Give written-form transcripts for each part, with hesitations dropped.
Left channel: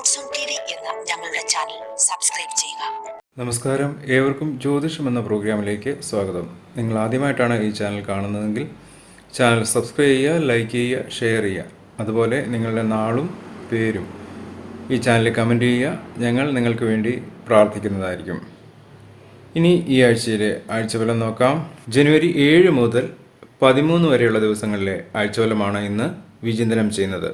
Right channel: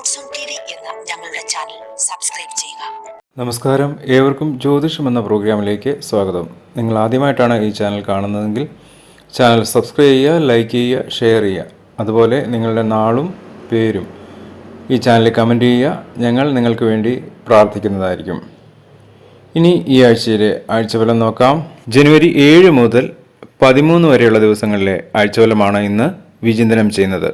Roads on T V എന്ന ഞങ്ങളുടെ channel subscribe ചെയ്യുക. നമസ്കാരം, ഏവർക്കും ജ്യോതിഷം എന്ന പ്രോഗ്രാമിലേക്ക് സ്വാഗതം. നിങ്ങൾ ആദ്യമായിട്ടാണ് ഈ ചാനൽ കാണുന്നതെങ്കിൽ ചാനൽ സബ്സ്ക്രൈബ് ചെയ്യുക, ലൈക്ക് ചെയ്യുക, ഷെയർ ചെയ്യുക. അതുപോലെ നിങ്ങളുടെ നാളും പേരും ഈ ചാനലിൽ കമൻറ്റ് ചെയ്യുക. ഞങ്ങൾ നിങ്ങൾക്ക് വേണ്ടി പ്രാർത്ഥിക്കുന്നതായിരിക്കും. ഇനി ഈ ആഴ്ചയിലെ ആഴ്ചഫലം നോക്കാം. ജനുവരി 7 മുതൽ 13 വരെയുള്ള ദിവസങ്ങളിലെ ആഴ്ചഫലമാണ് ഇന്ന് വിചിന്തനം ചെയ്യുന്നത്.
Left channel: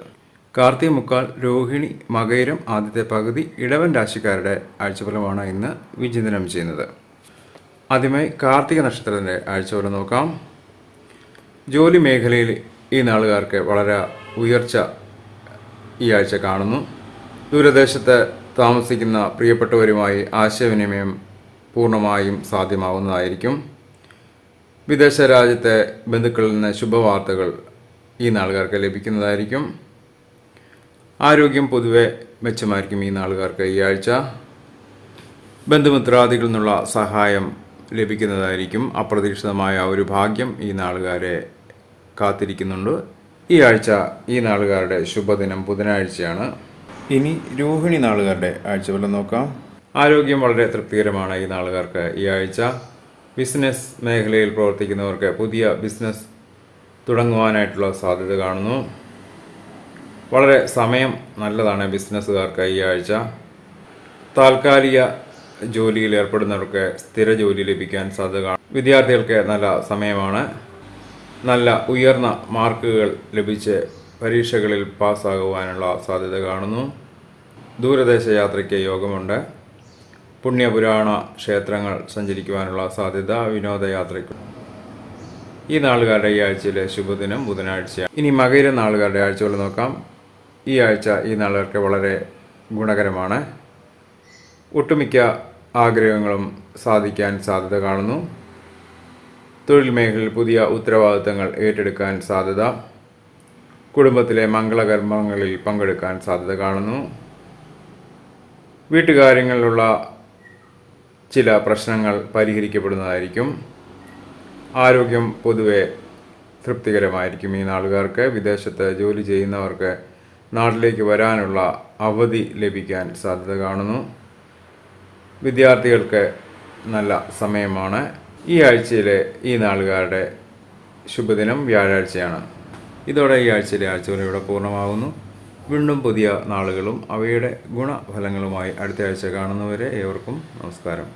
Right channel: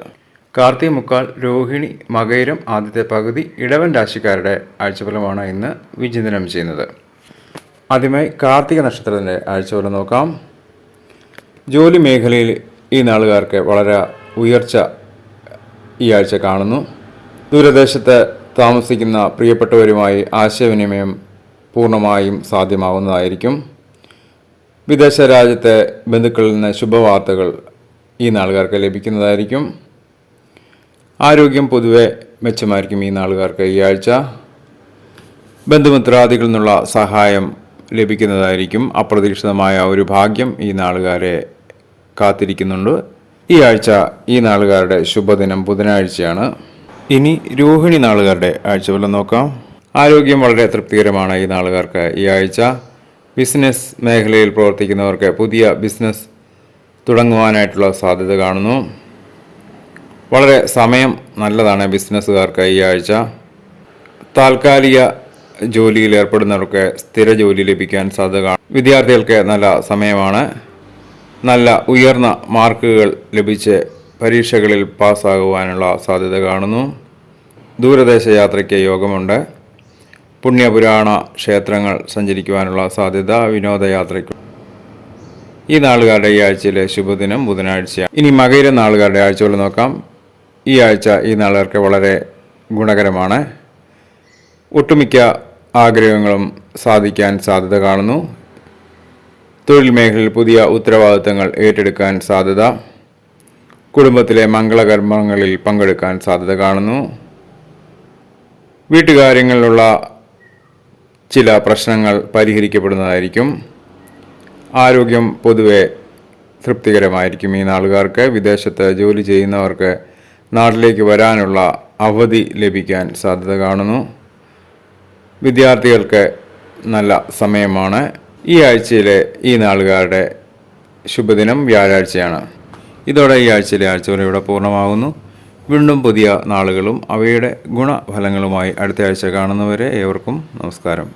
കാർത്തിക മുക്കാൽ, രോഹിണി, മകയിരം ആദ്യത്തെ പകുതി, ഇടവൻ രാശിക്കാരുടെ ആഴ്ചഫലമാണ് ഇന്ന് വിചിന്തനം ചെയ്യുന്നത്. ആദ്യമായി കാർത്തിക നക്ഷത്രത്തിൻ്റെ ആഴ്ചഫലം നോക്കാം. ജോലി മേഖലയിൽ ഈ നാളുകാർക്ക് വളരെ ഉയർച്ച ഈ ആഴ്ച കാണുന്നു. ദൂരദേശത്ത് താമസിക്കുന്ന പ്രിയപ്പെട്ടവരുമായി ആശയവിനിമയം പൂർണ്ണമായും സാധ്യമാവുന്നതായിരിക്കും. വിദേശ രാജ്യത്തെ ബന്ധുക്കളിൽ നിന്ന് ശുഭവാർത്തകൾ ഈ നാളുകാർക്ക് ലഭിക്കുന്നതായിരിക്കും. ആരോഗ്യം പൊതുവെ മെച്ചമായിരിക്കും ഈ നാളുകാർക്ക് ഈ ആഴ്ച. ബന്ധുമിത്രാദികളിൽ നിന്നുള്ള സഹായം ലഭിക്കുന്നതായിരിക്കും. അപ്രതീക്ഷിതമായ ഒരു ഭാഗ്യം ഈ നാളുകാരെ കാത്തിരിക്കുന്നുണ്ട്. ഈ ആഴ്ച ഈ നാളുകാരുടെ ശുഭദിനം ബുധനാഴ്ചയാണ്. ഇനി രോഹിണി നാളുകാരുടെ ആഴ്ചഫലം നോക്കാം. ആരോഗ്യം വളരെ തൃപ്തികരമാണ് ഈ നാളുകാർക്ക് ഈ ആഴ്ച. ബിസിനസ് മേഖലയിൽ പ്രവർത്തിക്കുന്നവർക്ക് പുതിയ ബിസിനസ് തുടങ്ങുവാനായിട്ടുള്ള സാധ്യത കാണുന്നു. വളരെ സമയം നല്ലതാണ് ബിസിനസ്സുകാർക്ക് ഈ ആഴ്ച. താൽക്കാലിക ജോലിയിൽ ഏർപ്പെടുന്നവർക്ക് സ്ഥിര ജോലി ലഭിക്കാൻ സാധ്യത കാണും. വിദ്യാർത്ഥികൾക്ക് നല്ല സമയമാണ്. നല്ല ഉയർന്ന മാർക്കുകൾ ലഭിച്ച് പരീക്ഷകളിൽ പാസ്സാകുവാനുള്ള സാധ്യത കാണുന്നു. ദൂരദേശ യാത്രയ്ക്ക് യോഗമുണ്ട്. പുണ്യപുരാണ ക്ഷേത്രങ്ങൾ സഞ്ചരിക്കുവാനുള്ള സാധ്യത, വിനോദയാത്രയ്ക്ക്. ഈ നാളുകാരുടെ ഈ ആഴ്ചയിലെ ശുഭദിനം ബുധനാഴ്ചയാണ്. ഇനി മകയിര നാളുകാരുടെ ആഴ്ചകൾ നോക്കാം. ഈ ആഴ്ച ഈ നാളുകാർക്ക് വളരെ ഗുണകരമാണ്. ഒട്ടുമിക്ക ആഗ്രഹങ്ങളും സാധിക്കാൻ സാധ്യത കാണുന്നു. തൊഴിൽ മേഖലയിൽ പുതിയ ഉത്തരവാദിത്തങ്ങൾ ഏറ്റെടുക്കാൻ സാധ്യത. കുടുംബത്തിലെ മംഗളകർമ്മങ്ങളിൽ പങ്കെടുക്കാൻ സാധ്യത കാണുന്നു. വീട്ടുകാര്യങ്ങളിലുള്ള ചില പ്രശ്നങ്ങൾ പരിഹരിക്കപ്പെടുന്നതായിരിക്കും. ആരോഗ്യം പൊതുവെ തൃപ്തികരമായിരിക്കും ഈ നാളുകാർക്ക്. വിദേശത്ത് ജോലി ചെയ്യുന്നവർക്ക് നാട്ടിലേക്ക് വരാനുള്ള അവധി ലഭിക്കാൻ സാധ്യത കാണുന്നു. വിദ്യാർത്ഥികൾക്ക് നല്ല സമയമാണ്. ഈ ആഴ്ചയിലെ ഈ നാളുകാരുടെ ശുഭദിനം വ്യാഴാഴ്ചയാണ്. ഇതോടെ ഈ ആഴ്ചയിലെ ആഴ്ചകൾ ഇവിടെ പൂർണ്ണമാകുന്നു. വീണ്ടും പുതിയ നാളുകളും അവയുടെ ഗുണഫലങ്ങളുമായി അടുത്ത ആഴ്ച കാണുന്നവരെ ഏവർക്കും നമസ്കാരം.